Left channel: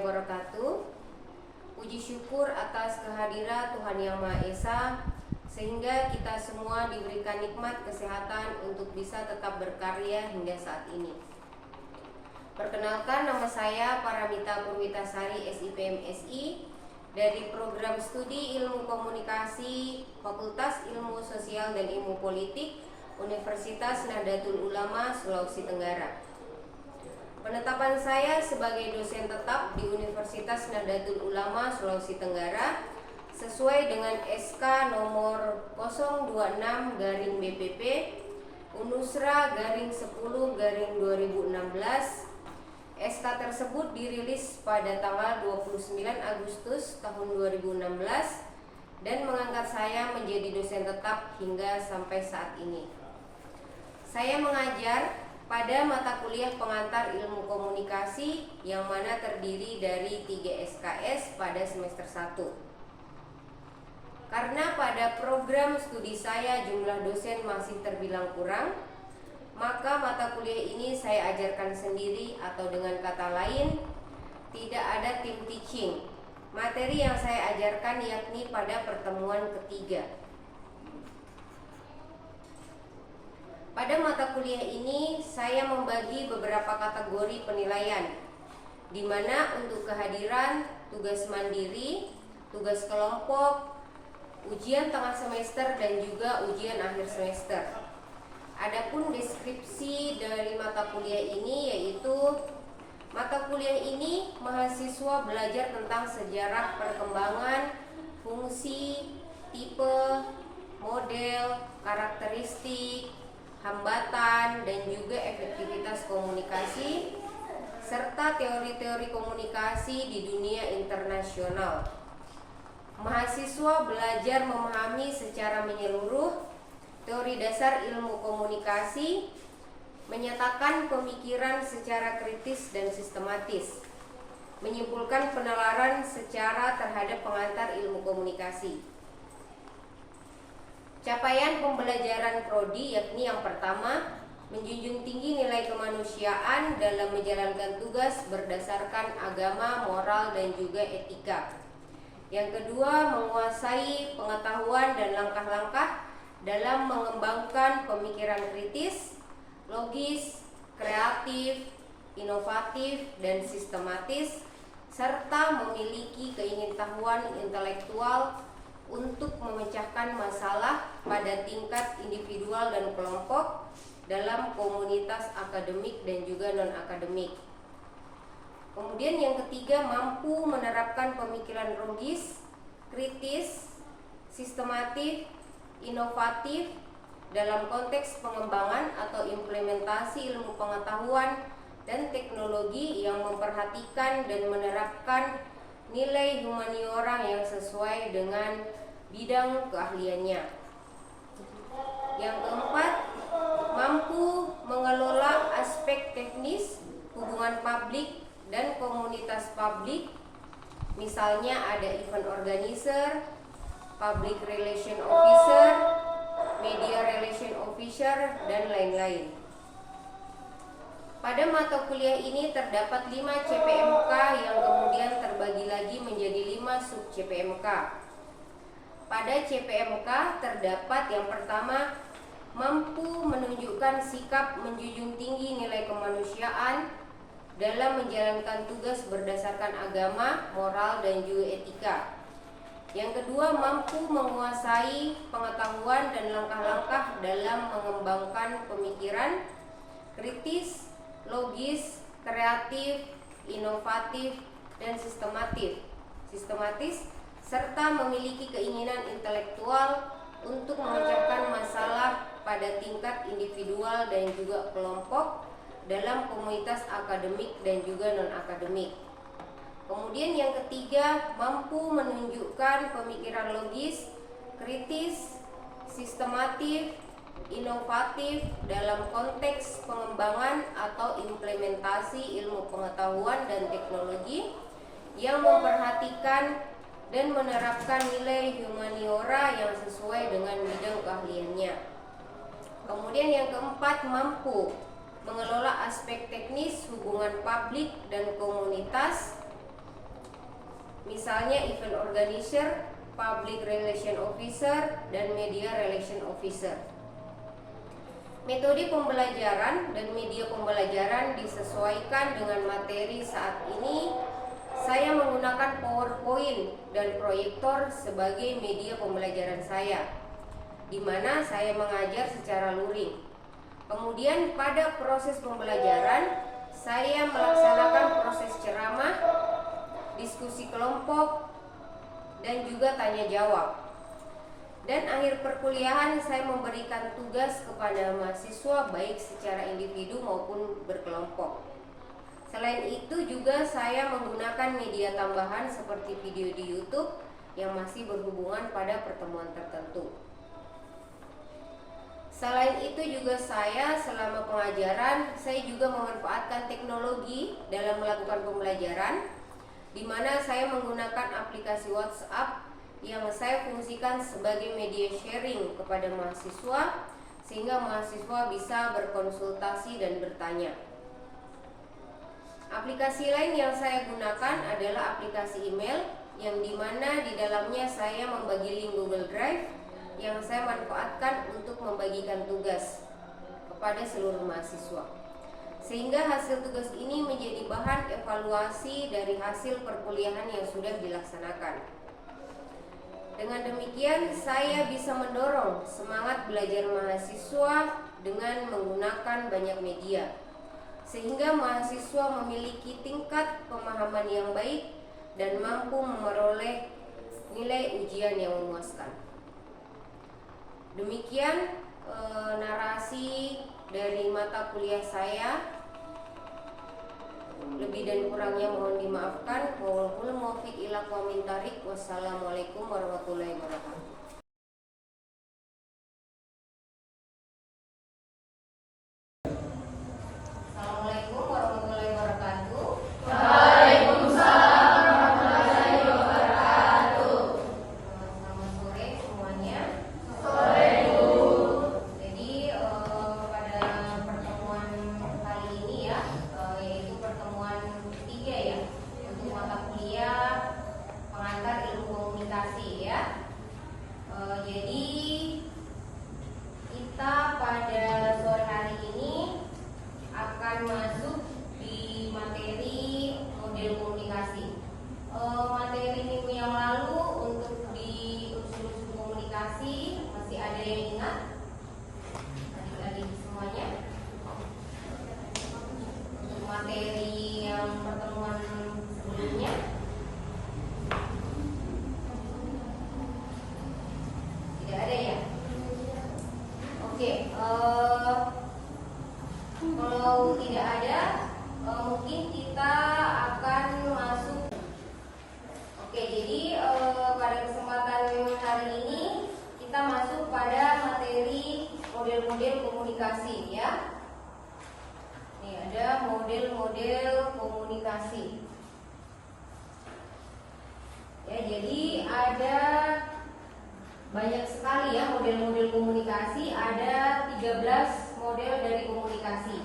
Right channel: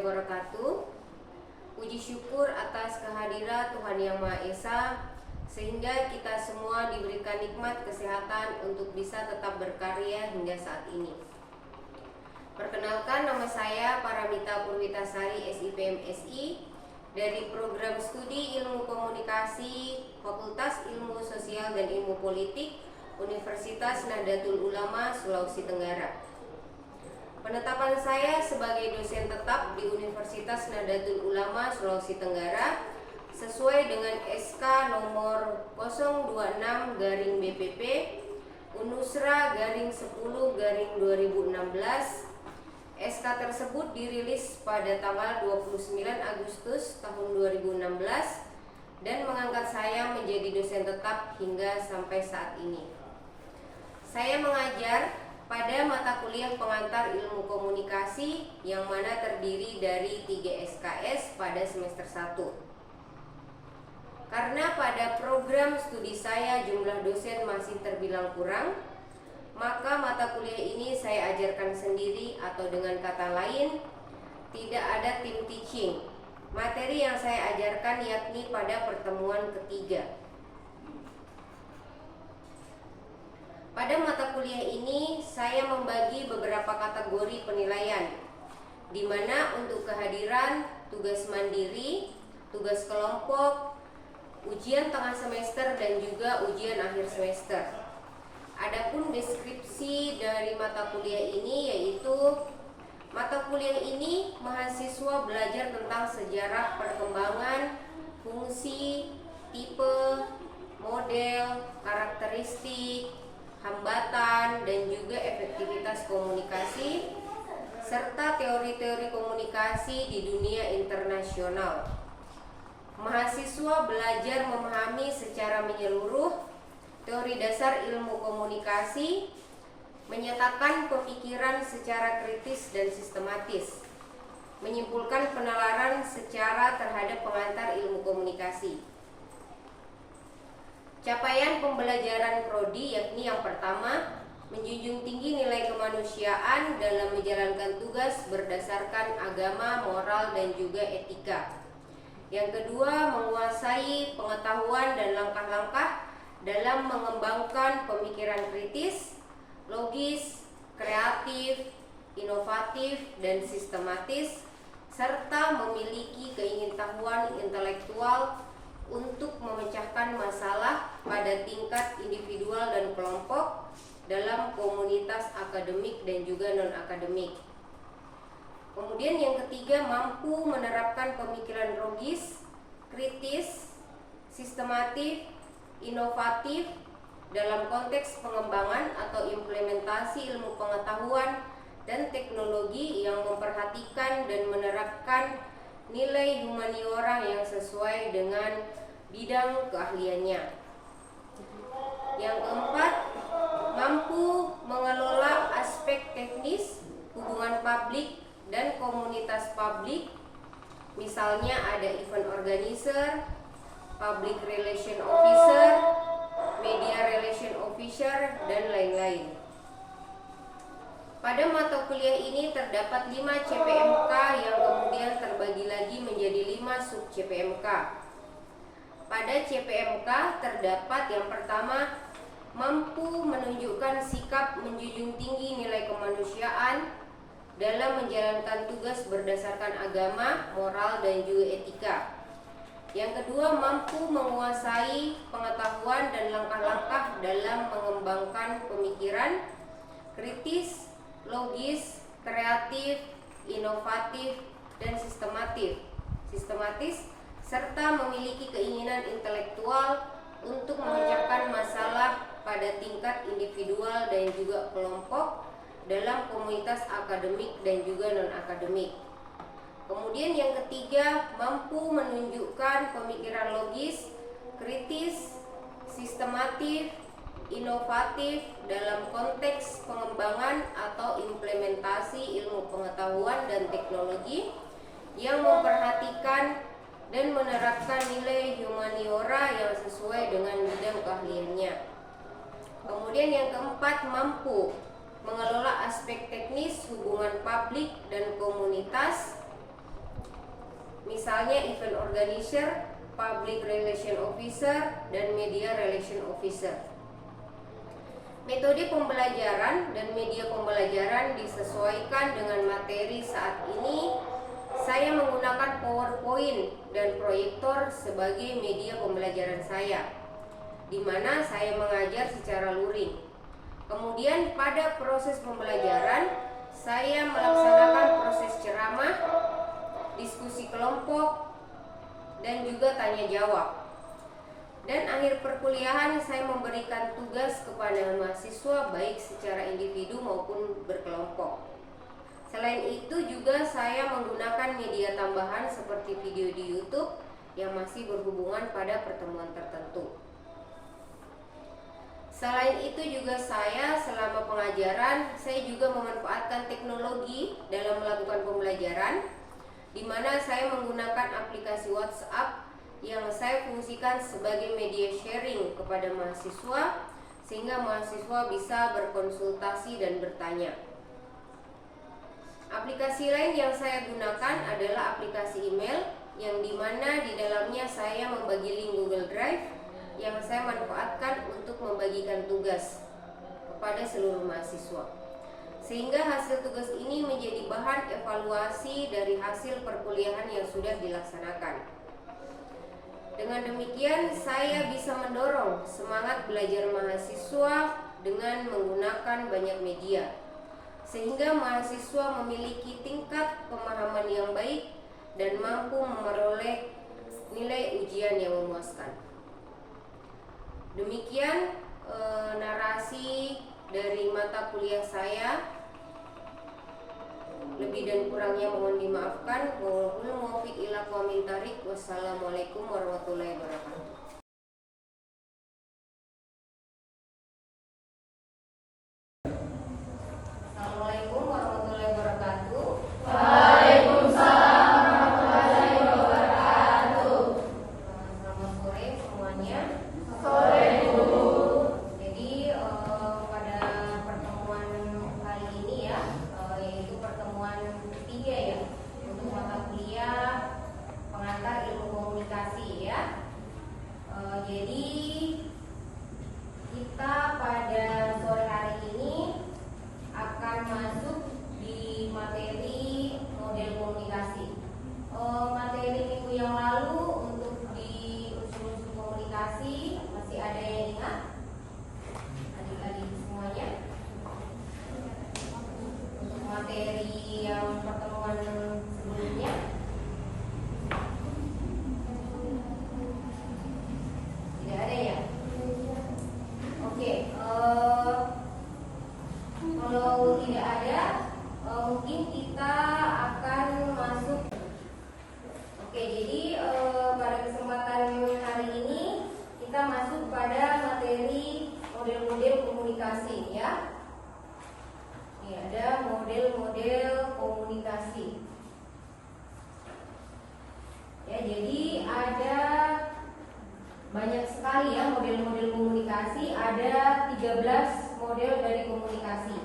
wabarakatuh. Puji syukur atas kehadiran Tuhan Yang Maha Esa, sehingga kita semua diberikan nikmat kesehatan untuk bisa tetap berkarya hingga saat ini. Perkenalkan, nama saya Paramita Purwitasari, SIP MSI, dari Program Studi Ilmu Komunikasi Fakultas Ilmu Sosial dan Ilmu Politik Universitas Nahdlatul Ulama, Sulawesi Tenggara. Penetapan saya sebagai dosen tetap di Universitas Nahdlatul Ulama, Sulawesi Tenggara sesuai dengan SK nomor 026/BPP Unusra /10/2016. SK tersebut dirilis pada tanggal 29 Agustus tahun 2016 dan mengangkat saya menjadi dosen tetap hingga sampai saat ini. Saya mengajar pada mata kuliah pengantar ilmu komunikasi yang mana terdiri dari 3 SKS pada semester 1. Karena pada program studi saya jumlah dosen masih terbilang kurang, maka mata kuliah ini saya ajarkan sendiri, atau dengan kata lain, tidak ada tim teaching. Materi yang saya ajarkan yakni pada pertemuan ketiga. Pada mata kuliah ini saya membagi beberapa kategori penilaian, di mana untuk kehadiran, tugas mandiri, tugas kelompok, ujian tengah semester, dan juga ujian akhir semester. Adapun deskripsi dari mata kuliah ini yaitu mata kuliah ini mahasiswa belajar tentang sejarah perkembangan, fungsi, tipe, model, karakteristik, hambatan, dan juga efektivitas komunikasi, serta teori-teori komunikasi di dunia internasional. Mahasiswa belajar memahami secara menyeluruh teori dasar ilmu komunikasi, menyatakan pemikiran secara kritis dan sistematis, menyimpulkan penalaran secara terhadap pengantar ilmu komunikasi. Capaian pembelajaran prodi yakni yang pertama, menjunjung tinggi nilai kemanusiaan dalam menjalankan tugas berdasarkan agama, moral, dan juga etika. Yang kedua, menguasai pengetahuan dan langkah-langkah dalam mengembangkan pemikiran kritis, logis, kreatif, inovatif, dan sistematis, serta memiliki keingintahuan intelektual untuk memecahkan masalah pada tingkat individual dan kelompok dalam komunitas akademik dan juga non-akademik. Kemudian yang ketiga, mampu menerapkan pemikiran logis, kritis, sistematif, inovatif dalam konteks pengembangan atau implementasi ilmu pengetahuan dan teknologi yang memperhatikan dan menerapkan nilai humaniora yang sesuai dengan bidang keahliannya. Yang keempat, mampu mengelola aspek teknis hubungan publik dan komunitas publik, misalnya ada event organizer, public relation officer, media relation officer, dan lain-lain. Pada mata kuliah ini terdapat 5 CPMK yang kemudian terbagi lagi menjadi 5 sub CPMK. Pada CPMK terdapat yang pertama, mampu menunjukkan sikap menjunjung tinggi nilai kemanusiaan dalam menjalankan tugas berdasarkan agama, moral, dan juga etika. Yang kedua, mampu menguasai pengetahuan dan langkah-langkah dalam mengembangkan pemikiran kritis, logis, kreatif, inovatif, dan sistematis, serta memiliki keinginan intelektual untuk memecahkan masalah pada tingkat individual dan juga kelompok dalam komunitas akademik dan juga non-akademik. Kemudian yang ketiga, mampu menunjukkan pemikiran logis, kritis, sistematif, inovatif dalam konteks pengembangan atau implementasi ilmu pengetahuan dan teknologi yang memperhatikan dan menerapkan nilai humaniora yang sesuai dengan bidang keahliannya. Kemudian yang keempat, mampu mengelola aspek teknis hubungan publik dan komunitas, misalnya event organizer, public relation officer, dan media relation officer. Metode pembelajaran dan media pembelajaran disesuaikan dengan materi saat ini. Saya menggunakan PowerPoint dan proyektor sebagai media pembelajaran saya, di mana saya mengajar secara luring. Kemudian pada proses pembelajaran, saya melaksanakan proses ceramah, diskusi kelompok, dan juga tanya jawab. Dan akhir perkuliahan saya memberikan tugas kepada mahasiswa baik secara individu maupun berkelompok. Selain itu juga saya menggunakan media tambahan seperti video di YouTube yang masih berhubungan pada pertemuan tertentu. Selain itu juga saya selama pengajaran saya juga memanfaatkan teknologi dalam melakukan pembelajaran, di mana saya menggunakan aplikasi WhatsApp yang saya fungsikan sebagai media sharing kepada mahasiswa sehingga mahasiswa bisa berkonsultasi dan bertanya. Aplikasi lain yang saya gunakan adalah aplikasi email yang dimana di dalamnya saya membagi link Google Drive yang saya manfaatkan untuk membagikan tugas kepada seluruh mahasiswa, sehingga hasil tugas ini menjadi bahan evaluasi dari hasil perkuliahan yang sudah dilaksanakan. Dengan demikian saya bisa mendorong semangat belajar mahasiswa dengan menggunakan banyak media, sehingga mahasiswa memiliki tingkat pemahaman yang baik dan mampu memperoleh nilai ujian yang memuaskan. Demikian narasi dari mata kuliah saya. Lebih dan kurangnya mohon dimaafkan. Wallahul muwaffiq ila aqwamit thoriq. Wassalamualaikum warahmatullahi wabarakatuh. Assalamualaikum warahmatullahi wabarakatuh. Waalaikumsalam warahmatullahi wabarakatuh. Selamat sore semuanya. Sore Bu. Jadi pada pertemuan kali ini ya, yaitu pertemuan ketiga ya untuk mata kuliah pengantar ilmu komunikasi ya. Jadi kita pada sore hari ini akan masuk di materi model komunikasi. Materi minggu yang lalu untuk di unsur-unsur komunikasi masih ada yang ingat? Adik-adik semuanya. Untuk materi yang pertemuan sebelumnya tidak ada ya? Oke, kalau tidak ada, mungkin kita akan masuk. Oke, jadi pada kesempatan hari ini kita masuk pada materi model-model komunikasi ya. Ini ada model-model komunikasi. Ya, jadi ada banyak sekali ya model-model komunikasi, ada 13 model dari komunikasi.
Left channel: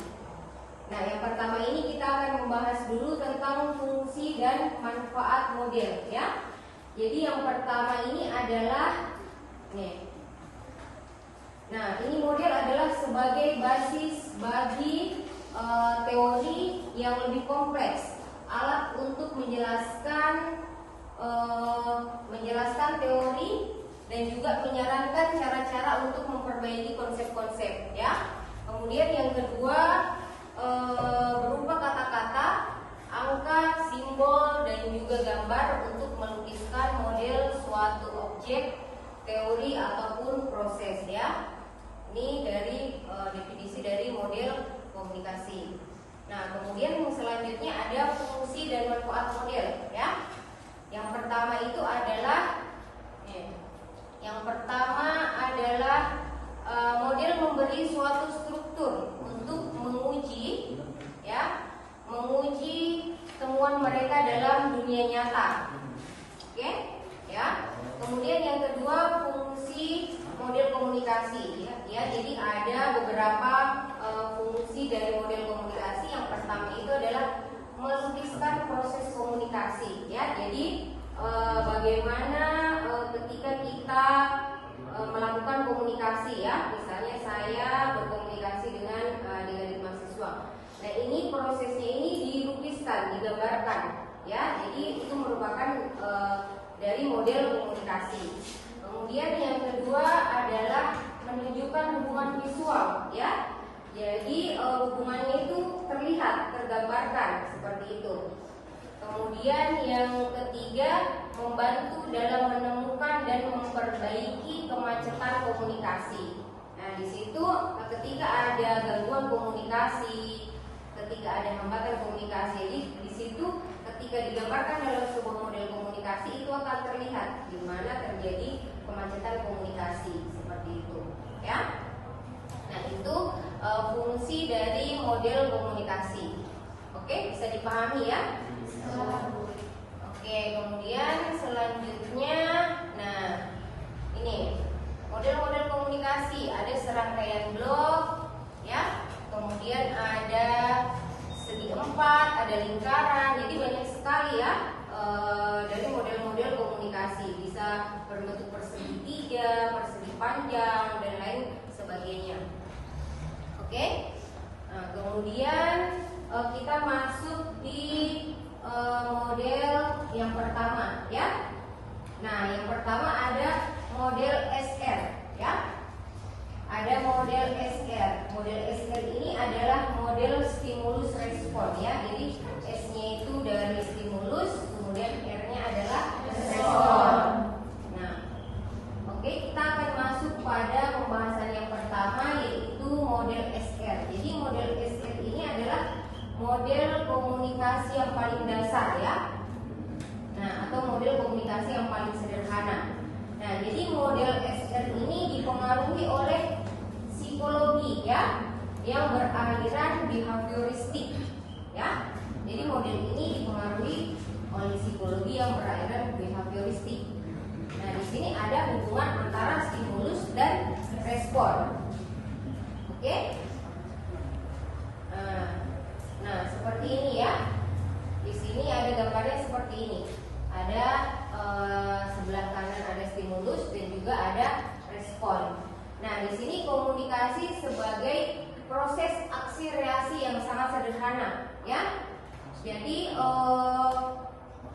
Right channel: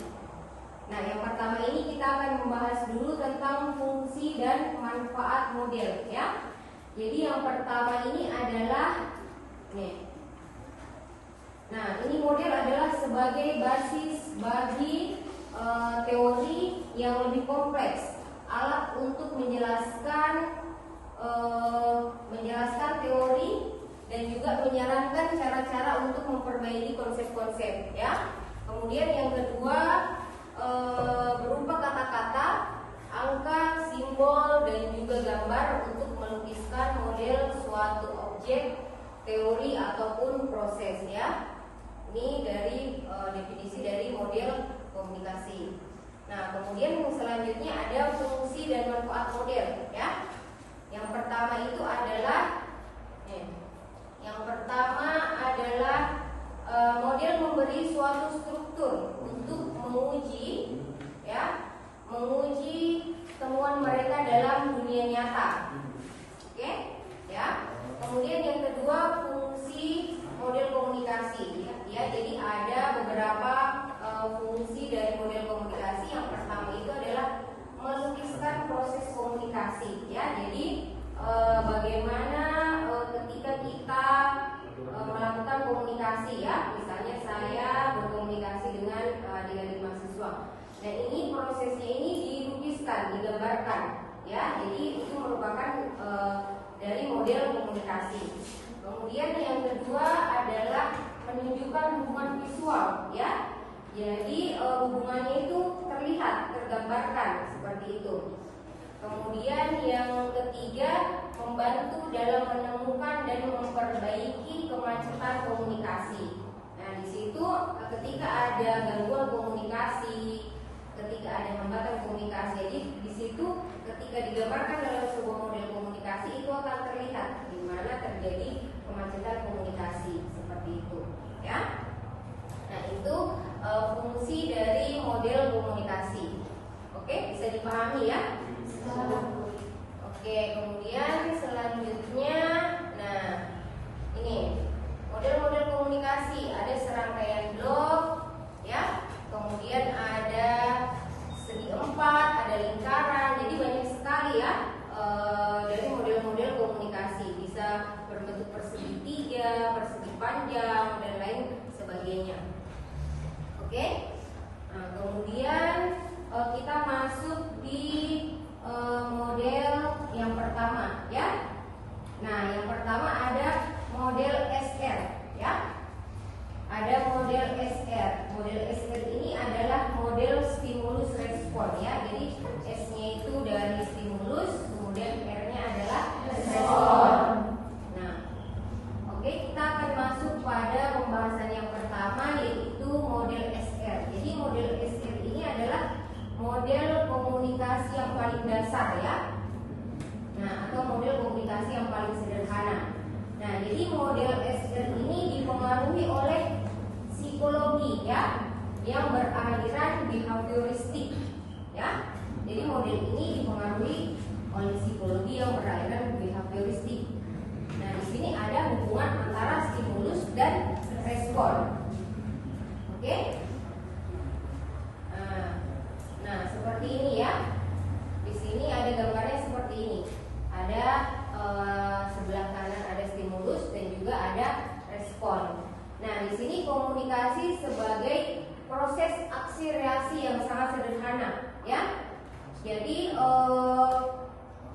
Nah, yang pertama ini kita akan membahas dulu tentang fungsi dan manfaat model ya. Jadi yang pertama ini adalah nih. Nah, ini model adalah sebagai basis bagi teori yang lebih kompleks, alat untuk menjelaskan teori dan juga menyarankan cara-cara untuk memperbaiki konsep-konsep ya. Kemudian yang kedua berupa kata-kata, angka, simbol, dan juga gambar untuk melukiskan model suatu objek, teori ataupun proses ya. Ini dari definisi dari model komunikasi. Nah, kemudian selanjutnya ada fungsi dan manfaat model ya. Yang pertama itu adalah model memberi suatu struktur untuk menguji temuan mereka dalam dunia nyata. Oke? Ya. Kemudian yang kedua fungsi model komunikasi ya. Jadi ada beberapa fungsi dari model komunikasi. Yang pertama itu adalah melukiskan proses komunikasi ya. Jadi ya. Jadi hubungannya itu terlihat, tergambarkan seperti itu. Kemudian yang ketiga, membantu dalam menemukan dan memperbaiki kemacetan komunikasi. Nah, di situ ketika ada gangguan komunikasi, ketika ada hambatan komunikasi, jadi di situ ketika digambarkan dalam sebuah model komunikasi itu akan terlihat di mana terjadi kemacetan komunikasi seperti itu, ya. Nah, itu fungsi dari model komunikasi. Oke, bisa dipahami ya? Oke, kemudian selanjutnya, nah ini model-model komunikasi, ada serangkaian blok, ya. Kemudian ada segi empat, ada lingkaran, jadi banyak sekali ya dari model-model komunikasi. Bisa berbentuk persegi tiga, persegi panjang, dan lain sebagainya. Oke, nah, kemudian kita masuk di model yang pertama, ya. Nah, yang pertama ada model SR, ya. Ada model SR. Model SR ini adalah model stimulus respon, ya. Jadi S-nya itu dari stimulus, kemudian R-nya adalah respon. Nah, oke, kita akan masuk pada pembahasan yang pertama, yaitu model SR. Jadi model SR ini adalah model komunikasi yang paling dasar, ya. Nah, atau model komunikasi yang paling sederhana. Nah, jadi model SR ini dipengaruhi oleh psikologi, ya, yang beraliran behavioristik, ya. Jadi model ini dipengaruhi oleh psikologi yang beraliran behavioristik. Nah, di sini ada hubungan antara stimulus dan respon. Oke? Nah, seperti ini ya. Di sini ada gambarnya seperti ini. Ada sebelah kanan ada stimulus dan juga ada respon. Nah, di sini komunikasi sebagai proses aksi reaksi yang sangat sederhana, ya. Jadi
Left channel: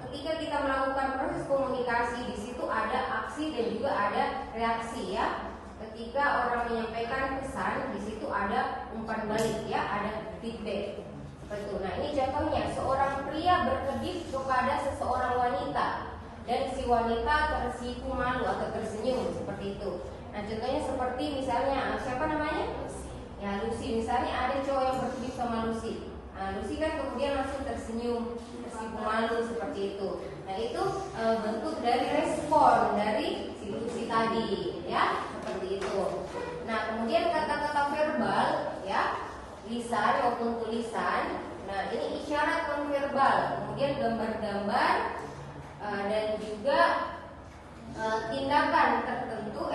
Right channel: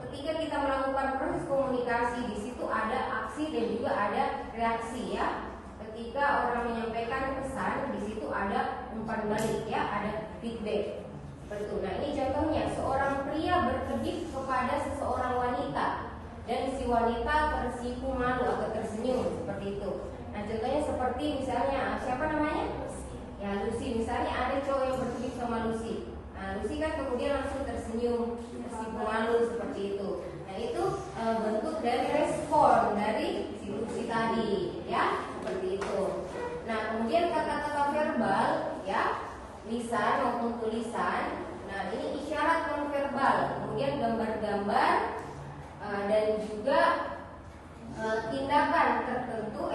ketika kita melakukan proses komunikasi, di situ ada aksi dan juga ada reaksi, ya. Ketika orang menyampaikan pesan, di situ ada umpan balik, ya, ada feedback. Betul. Nah, ini contohnya, seorang pria berkedip kepada seseorang wanita dan si wanita tersipu malu atau tersenyum seperti itu. Nah, contohnya seperti misalnya siapa namanya? Ya, Lucy. Misalnya ada cowok yang berkedip sama Lucy. Nah, Lucy kan kemudian langsung tersenyum, tersipu malu seperti itu. Nah, itu bentuk dari respon dari si Lucy tadi, ya, seperti itu. Nah, kemudian kata-kata verbal, ya, lisan maupun tulisan. Nah, ini isyarat nonverbal, kemudian gambar-gambar dan juga tindakan tertentu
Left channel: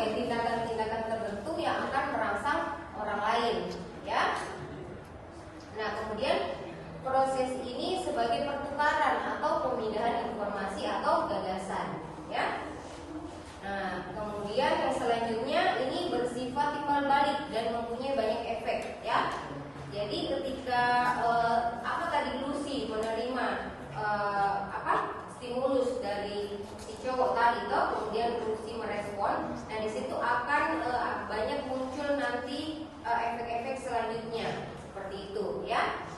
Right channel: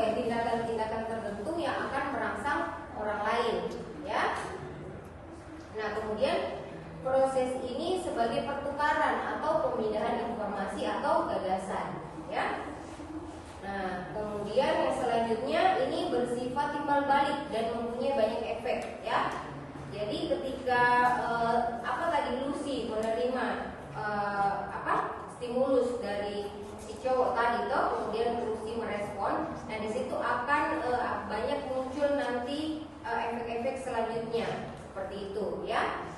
yang akan merangsang orang lain, ya. Nah, kemudian proses ini sebagai pertukaran atau pemindahan informasi atau gagasan, ya. Nah, kemudian yang selanjutnya ini bersifat timbal balik dan mempunyai banyak efek, ya. Jadi ketika Lucy menerima stimulus dari si cowok tadi toh, kemudian Lucy merespon. Nah, di situ akan banyak muncul nanti efek-efek selanjutnya seperti itu, ya.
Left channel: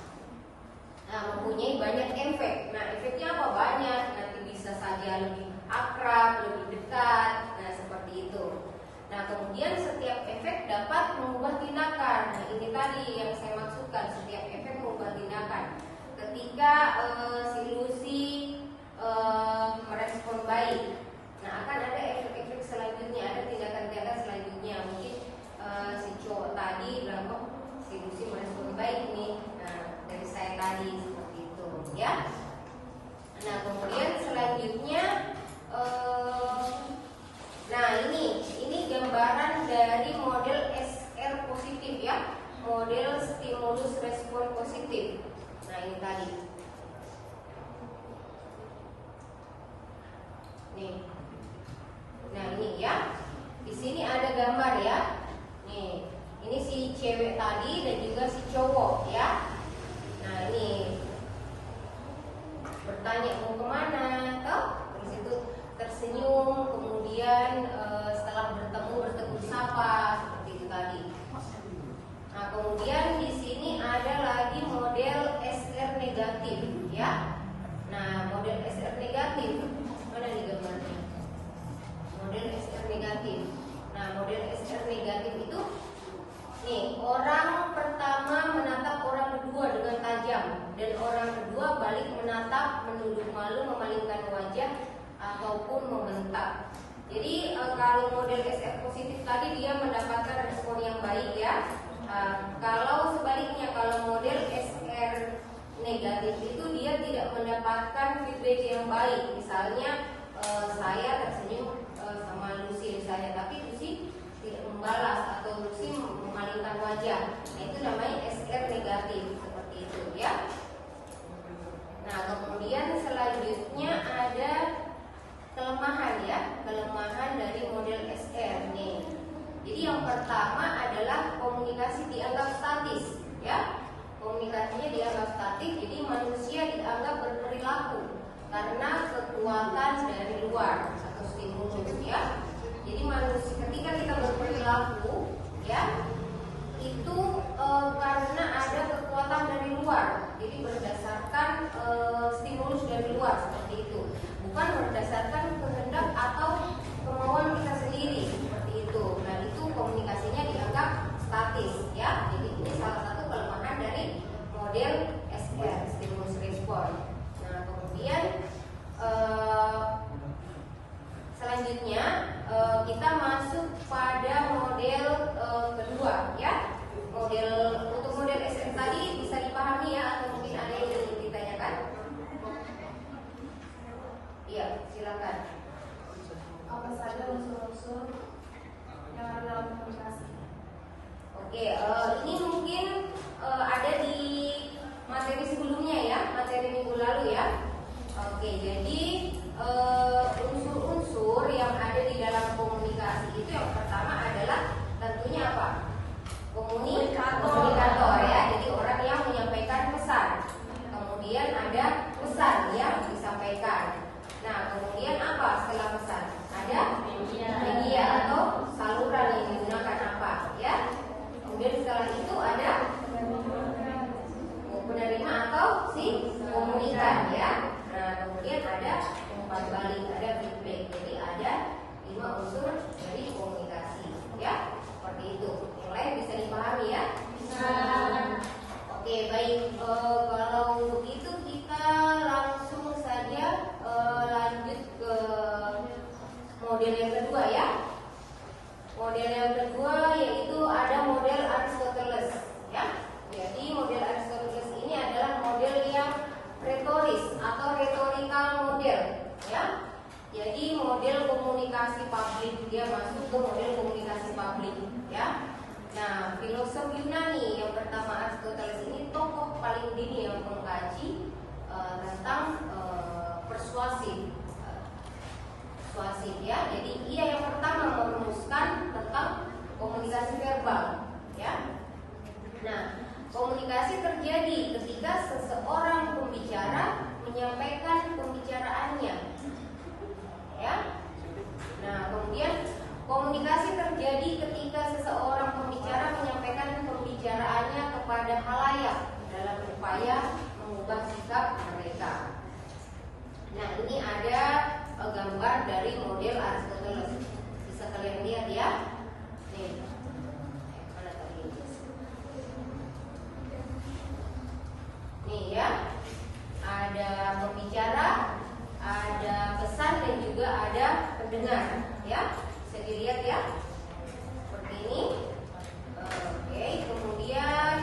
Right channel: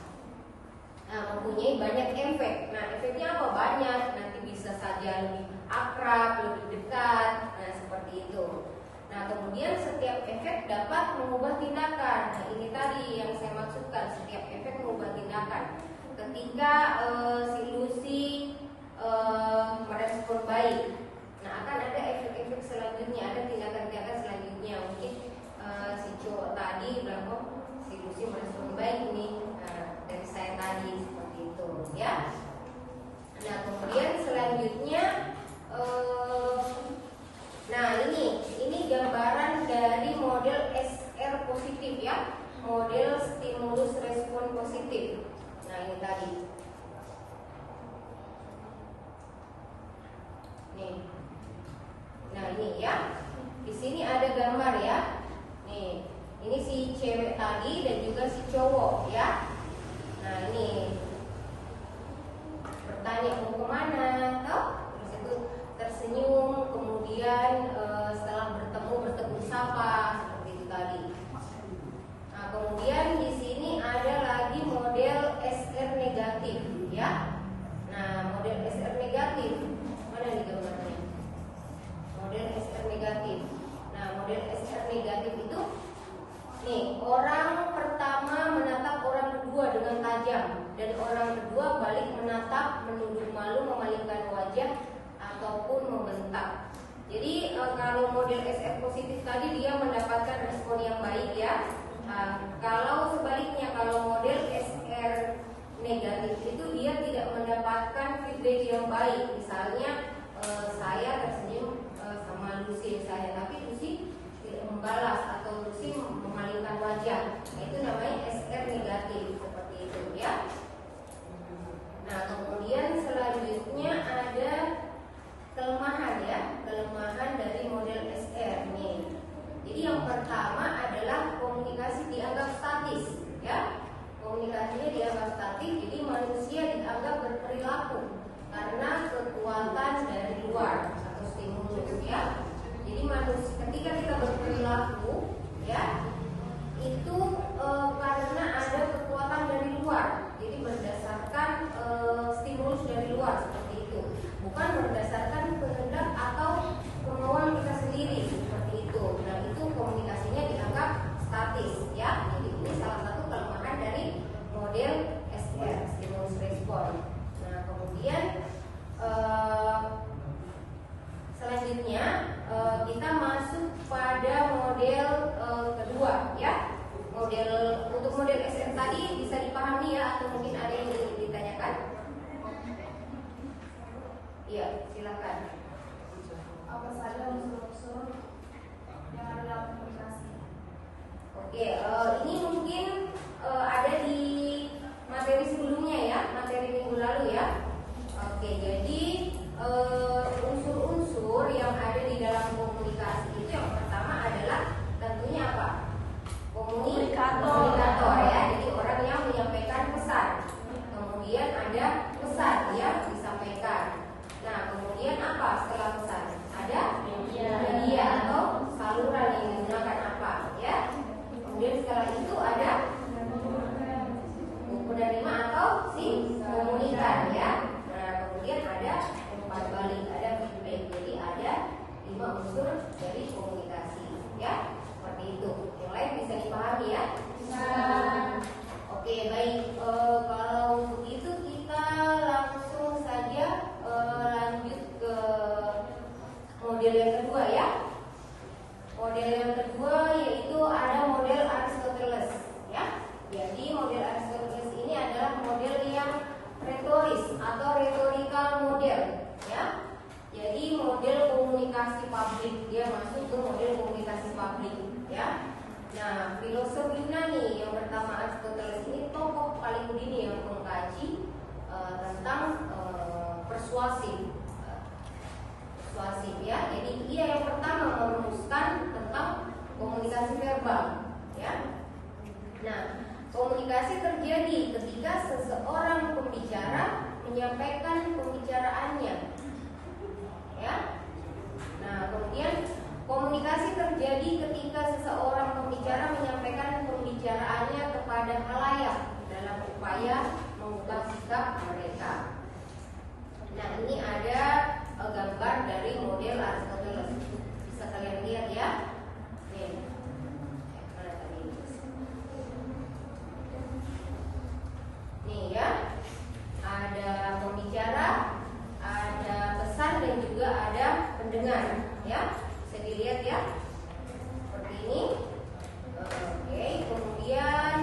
Nah, mempunyai banyak efek. Nah, efeknya apa? Banyak. Nanti bisa saja lebih akrab, lebih dekat. Nah, seperti itu. Nah, kemudian setiap efek dapat mengubah tindakan. Nah, ini tadi yang saya maksudkan, setiap efek mengubah tindakan. Ketika si Lucy merespon baik, nah akan ada efek-efek selanjutnya, ada tindakan-tindakan selanjutnya. Mungkin si cowok tadi bilang, oh, si Lucy merespon baik nih, dari saya tadi seperti itu, ya. Nah, kemudian selanjutnya, nah ini gambaran dari model SR positif, ya, model stimulus respon positif. Nah, ini tadi. Nih. Nah, ini ya. Di sini ada gambar ya. Nih, ini si cewek tadi dan juga si cowok, ya. Nah, ini bertanya mau kemana, toh? Terus itu tersenyum, kemudian setelah bertemu sapa seperti itu tadi. Nah, kemudian di sini ada lagi model SR negatif, ya. Nah, model SR negatif mana nih gambarnya? Model SR negatif. Nah, model SR negatif itu nih, orang pertama menatap orang kedua dengan tajam dan orang kedua balik menatap, menunduk malu, memalingkan wajah ataupun membentak. Jadi kalau model SR positif tadi dia mendapatkan respon yang baik, ya. Kalau sebaliknya, kalau model SR negatif itu dia tidak mendapatkan feedback yang baik. Misalnya saya tersenyum sama Lucy misalnya, tapi Lucy tidak membalas atau Lucy memalingkan wajah. Nah, itu namanya SR negatif, seperti itu, ya. Nah, kemudian selanjutnya ada kelemahan, ya, kelemahan dari model SR nih. Jadi yang pertama adalah komunikasi dianggap statis, ya. Komunikasinya dianggap statis, jadi manusia dianggap berperilaku karena kekuatan dari luar atau stimulus, ya. Jadi manusia ketika kita berperilaku, ya, itu karena ada kekuatan dari luar. Jadi berdasarkan stimulus dari luar seperti itu, bukan berdasarkan kehendak atau kemauan kita sendiri seperti itu. Nah, itu komunikasinya dianggap statis, ya. Jadi ini salah satu kelemahan dari model SR, stimulus respon. Nah, kemudian selanjutnya kita masuk pada model kedua, ya. Untuk model SR tadi bisa dipahami, ya, atau mungkin ada yang ingin ditanyakan? Iya, silakan. Apa saja unsur-unsur yang ada dalam komunikasi? Oke, ini mungkin ada di materi sebelumnya, ya, materi minggu lalu, ya. Oke, jadi unsur-unsur yang ada di dalam komunikasi itu yang pertama adalah tentunya apa? Komunikator, ya. Jadi orang yang menyampaikan pesan. Kemudian ada pesan yang disampaikan. Nah, kemudian apa setelah pesan? Ada media atau saluran yang digunakan apa, ya. Kemudian setelah itu ada penerima atau si komunikan, ya. Nah, kemudian ada umpan balik, ada feedback. Jadi ada 5 unsur dari komunikasi, ya. Seperti itu. Yang lain bisa dipahami, ya. Oke, baik. Kalau itu kita langsung saja lanjut ke model yang kedua, ya. Model yang kedua yaitu ada model Aristoteles, ya. Jadi model Aristoteles ini adalah model yang retoris atau rhetorical model, ya. Jadi model komunikasi publik, dia masuk ke model komunikasi publik, ya. Nah, filosofinya nih, yang pertama Aristoteles ini tokoh paling dini yang mengkaji tentang persuasif, ya. Jadi ia yang pertama merumuskan tentang komunikasi verbal, ya. Nah, komunikasi terjadi ketika seseorang pembicara menyampaikan pembicaraannya, ya. Nah, kemudian komunikasi terjadi ketika seseorang pembicara menyampaikan pembicaraannya kepada khalayak dalam upaya mengubah sikap mereka. Nah, ini ada gambar dari model Aristoteles. Bisa kalian lihat, ya. Nih. Mana tadi? Nih, ya. Ada pembicara, ada pesan dan juga ada pendengar, ya. Bisa dilihat, ya. Seperti ini. Oke, kemudian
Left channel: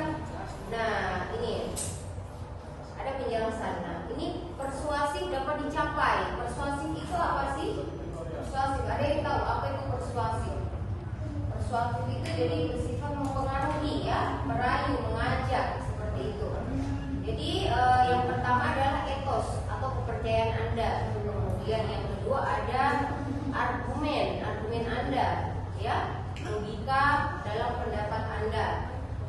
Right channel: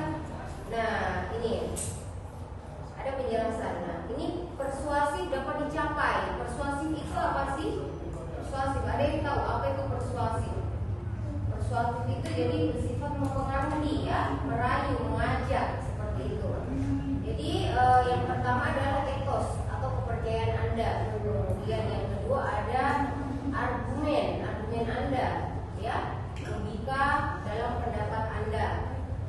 nah, ini ada penjelasan. Nah, ini persuasif dapat dicapai. Persuasif itu apa sih? Persuasif, ada yang tahu apa itu persuasif? Persuasif itu jadi bersifat mempengaruhi, ya, merayu, mengajak, seperti itu. Jadi yang pertama adalah etos atau kepercayaan Anda. Kemudian yang kedua ada argumen Anda, ya, logika dalam pendapat Anda.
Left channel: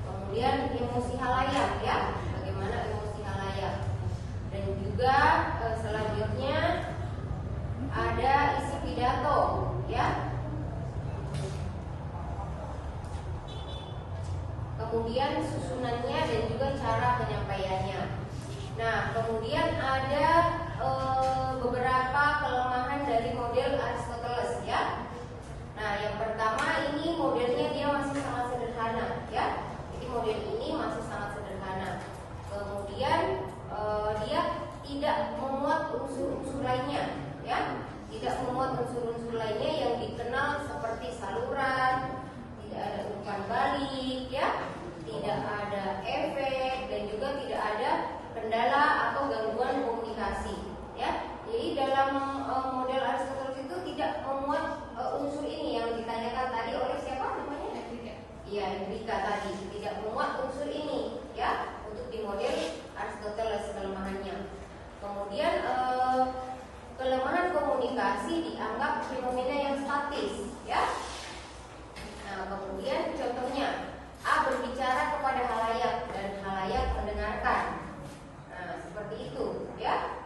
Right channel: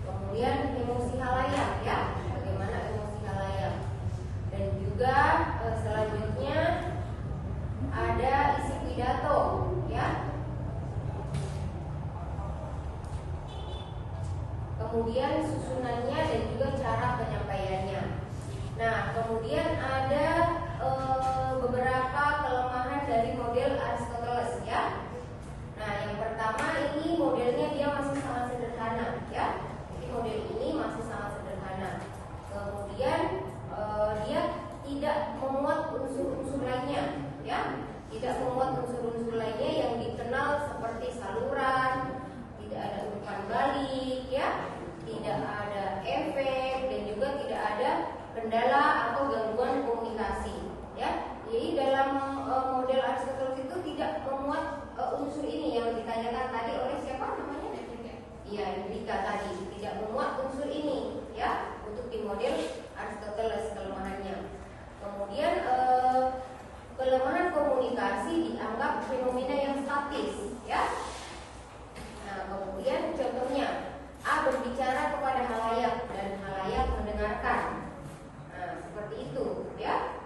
Kemudian emosi halayak, ya, bagaimana emosi halayak. Dan juga selanjutnya ada isi pidato, ya. Kemudian penyusunannya dan juga cara penyampaiannya. Nah, kemudian ada beberapa kelemahan dari model Aristoteles ya. Nah, yang pertama ini modelnya dia masih sangat sederhana ya. Jadi model ini masih sangat sederhana. Kemudian dia tidak memuat unsur-unsur lainnya ya. Tidak memuat unsur-unsur lainnya yang dikenal seperti saluran, tidak ada umpan balik ya, tidak ada efek dan juga tidak ada kendala atau gangguan komunikasi ya. Jadi dalam model Aristoteles itu tidak memuat unsur ini yang ditanyakan tadi oleh siapa namanya? Iya, Enrika tadi tidak memuat unsur ini ya untuk di model Aristoteles kelemahannya. Kemudian kelemahan komunikasi dianggap fenomena yang statis ya. Nah, kemudian contohnya A berbicara kepada halayak dan halayak mendengarkan. Nah, seperti itu ya.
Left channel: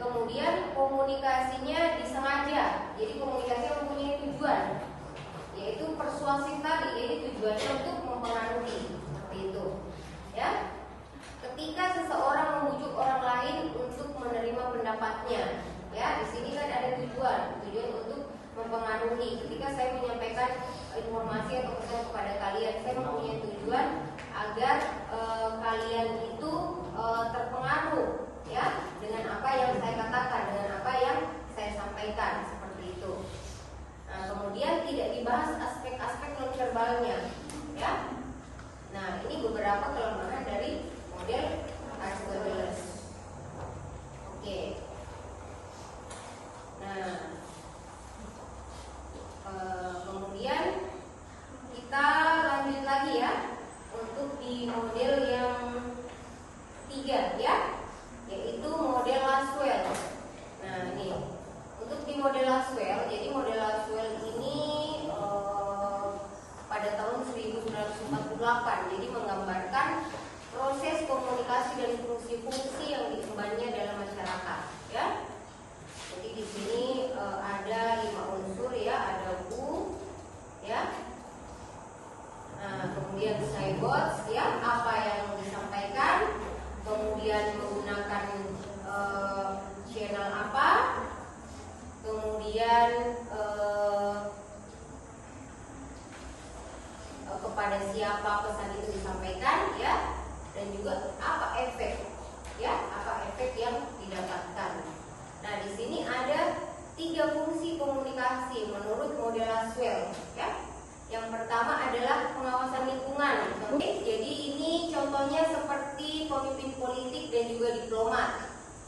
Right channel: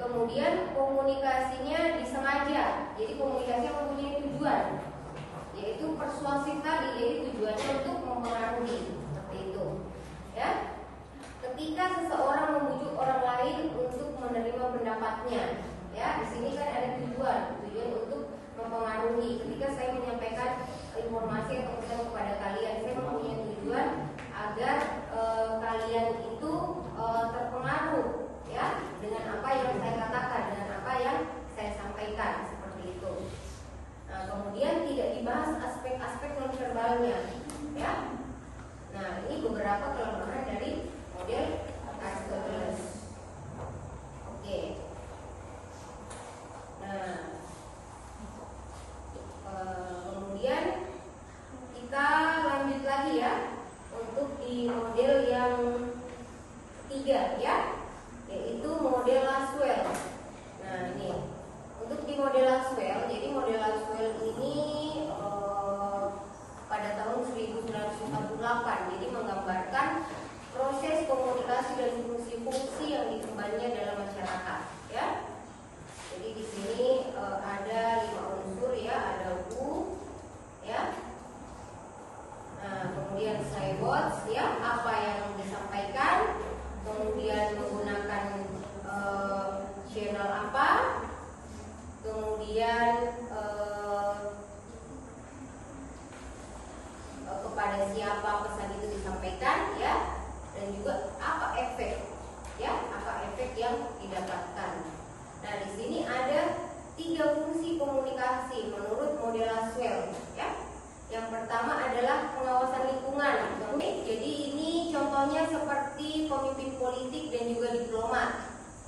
Kemudian komunikasinya disengaja. Jadi komunikasi yang mempunyai tujuan, yaitu persuasif tadi. Jadi tujuannya untuk mempengaruhi, seperti itu. Ya. Ketika seseorang membujuk orang lain untuk menerima pendapatnya, ya, di sini kan ada tujuan untuk mempengaruhi. Ketika saya menyampaikan informasi atau pesan kepada kalian, saya mempunyai tujuan agar kalian itu terpengaruh ya dengan apa yang saya katakan, dengan apa yang saya sampaikan, seperti itu. Nah, kemudian tidak dibahas aspek-aspek nonverbalnya ya. Nah, ini beberapa kelemahan dari model Aristoteles. Oke. Nah, kemudian kita lanjut lagi ya untuk di model yang ketiga ya, yaitu model Lasswell. Nah, ini untuk di model Lasswell. Jadi model Lasswell ini pada tahun 1948, jadi menggambarkan proses komunikasi dan fungsi-fungsi yang diembannya dalam masyarakat ya. Jadi di sini ada 5 unsur ya, ada who ya. Nah, kemudian say what ya, apa yang disampaikan, kemudian menggunakan channel apa, kemudian kepada siapa pesan itu disampaikan ya, dan juga apa efek ya, apa efek yang didapatkan. Nah, di sini ada 3 fungsi komunikasi menurut model Lasswell ya. Yang pertama adalah pengawasan lingkungan. Oke, jadi ini contohnya seperti pemimpin politik dan juga diplomat.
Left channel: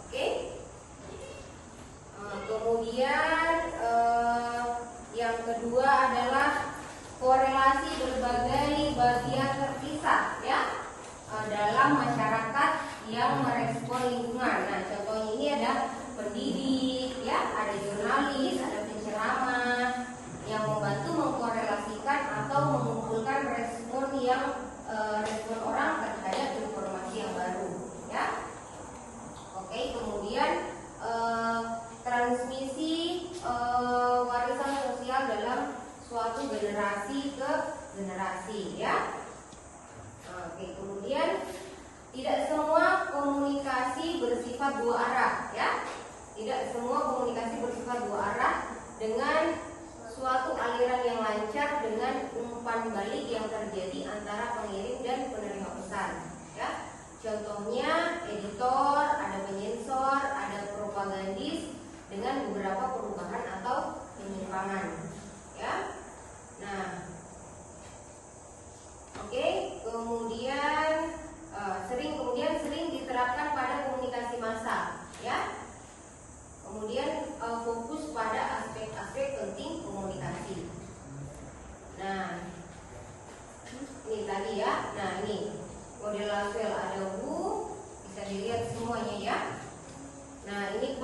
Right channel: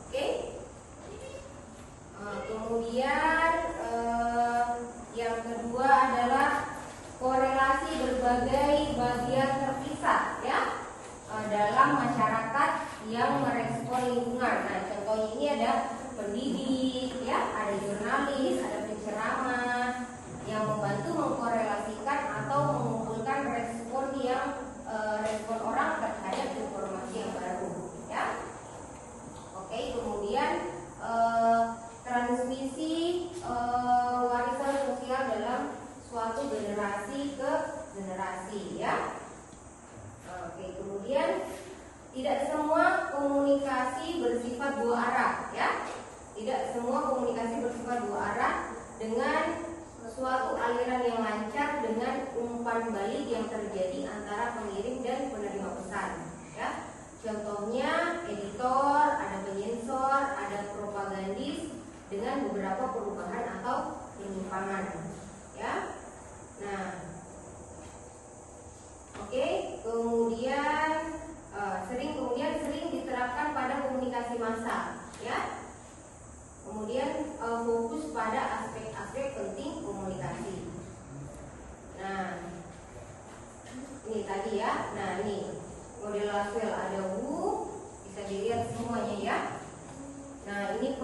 Oke. Kemudian yang kedua adalah korelasi berbagai bagian terpisah ya dalam masyarakat yang merespon lingkungan. Nah, contohnya ini ada pendidik ya, ada jurnalis, ada penceramah yang membantu mengkorelasikan atau mengumpulkan respon yang respon orang terhadap informasi yang baru ya. Oke, kemudian transmisi warisan sosial dalam suatu generasi ke generasi ya. Oke, kemudian tidak semua komunikasi bersifat dua arah ya. Tidak semua komunikasi bersifat dua arah dengan suatu aliran yang lancar dengan umpan balik yang terjadi antara pengirim dan penerima pesan ya. Contohnya editor, ada penyensor, ada propagandis dengan beberapa perubahan atau penyimpangan ya. Nah, oke, kemudian sering diterapkan pada komunikasi massa ya. Kemudian fokus pada aspek-aspek penting komunikasi. Nah, ini tadi ya. Nah, ini model Lasswell ada who, bisa dilihat semuanya ya. Nah, ini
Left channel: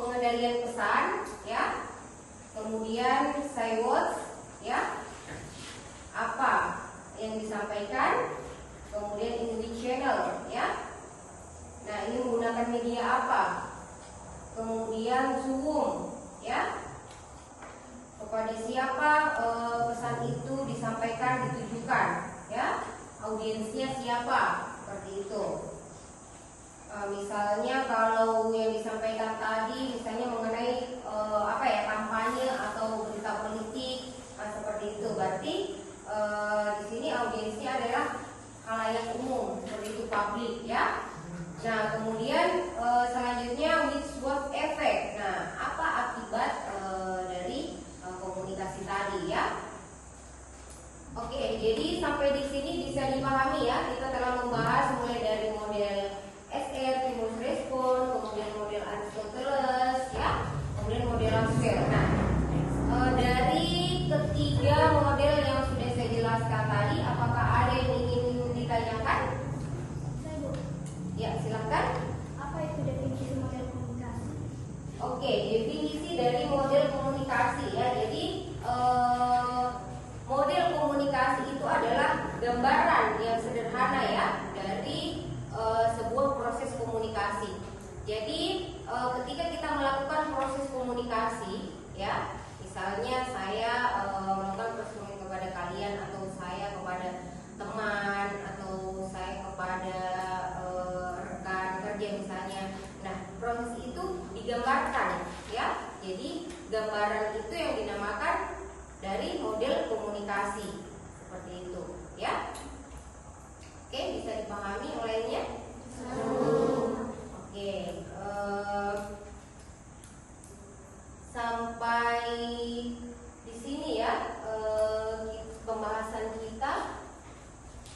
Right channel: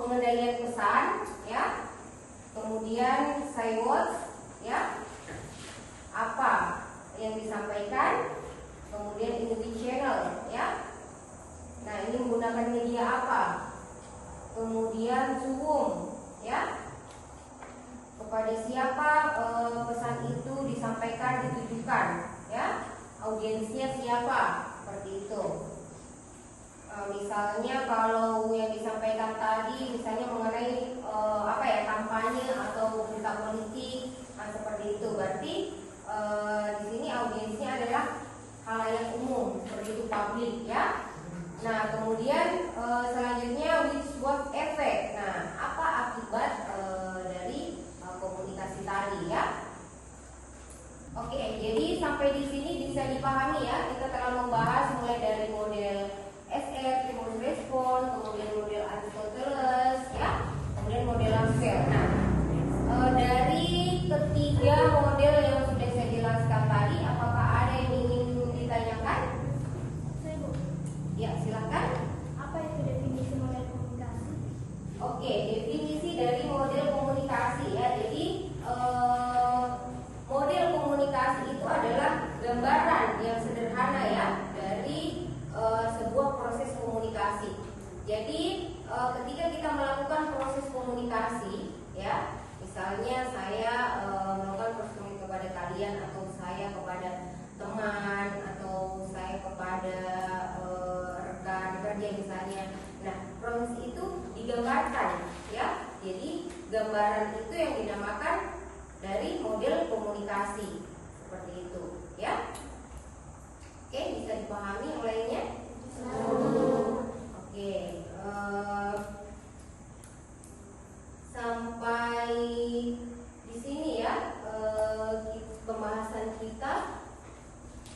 pengendalian pesan ya. Kemudian say what ya, apa yang disampaikan. Kemudian in which channel ya. Nah, ini menggunakan media apa. Kemudian to whom ya, kepada siapa pesan itu disampaikan, ditujukan ya, audiensnya siapa, seperti itu. Misalnya kalau yang disampaikan tadi misalnya mengenai kampanye atau berita politik, seperti itu, berarti di sini audiensnya adalah khalayak umum, seperti itu, publik ya. Nah, kemudian selanjutnya which what effect. Nah, apa akibat dari komunikasi tadi ya? Oke, jadi sampai di sini bisa dipahami ya. Kita telah membahas mulai dari model SF, stimulus respon, kemudian model Aristoteles ya, kemudian model Langsel. Nah, dari ketiga model yang sudah saya jelaskan tadi, apakah ada yang ingin ditanyakan? Ya, silakan. Apa itu definisi model komunikasi? Oke, definisi dari model komunikasi ya. Jadi model komunikasi itu adalah gambaran yang sederhana ya dari sebuah proses komunikasi. Jadi ketika kita melakukan proses komunikasi ya, misalnya saya melakukan proses komunikasi kepada kalian, atau saya kepada teman, atau saya kepada rekan kerja misalnya. Nah, proses itu digambarkan ya. Jadi gambaran itu yang dinamakan dari model komunikasi, seperti itu ya. Oke, bisa dipahami yang lainnya? Oke, sampai di sini ya pembahasan kita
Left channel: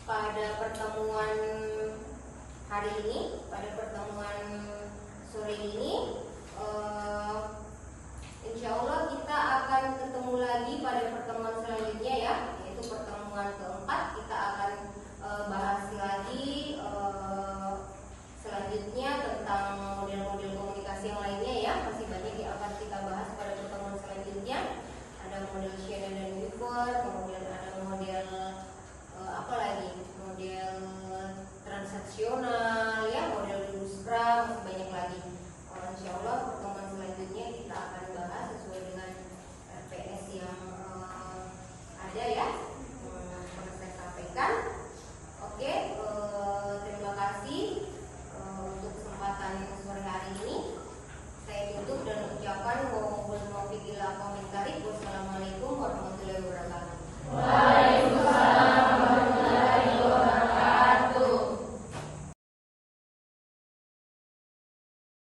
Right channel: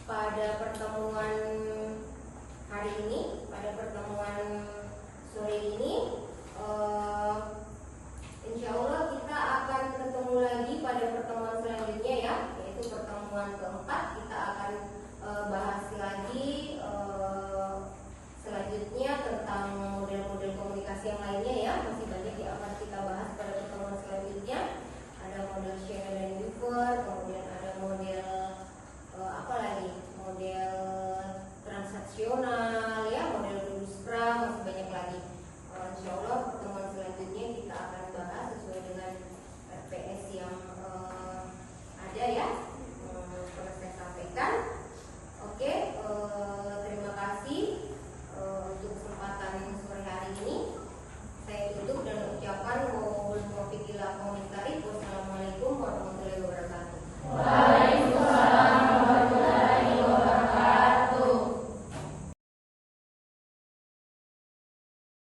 pada pertemuan hari ini, pada pertemuan sore ini. Insya Allah kita akan ketemu lagi pada pertemuan selanjutnya ya, yaitu pertemuan keempat. Kita akan bahas lagi selanjutnya tentang model-model komunikasi yang lainnya ya. Masih banyak yang akan kita bahas pada pertemuan selanjutnya. Ada model Shannon dan Weaver, kemudian ada model apa lagi? Model transaksional ya, model Scrum, masih banyak lagi. Insya Allah pertemuan selanjutnya kita akan bahas sesuai dengan RPS yang ada ya.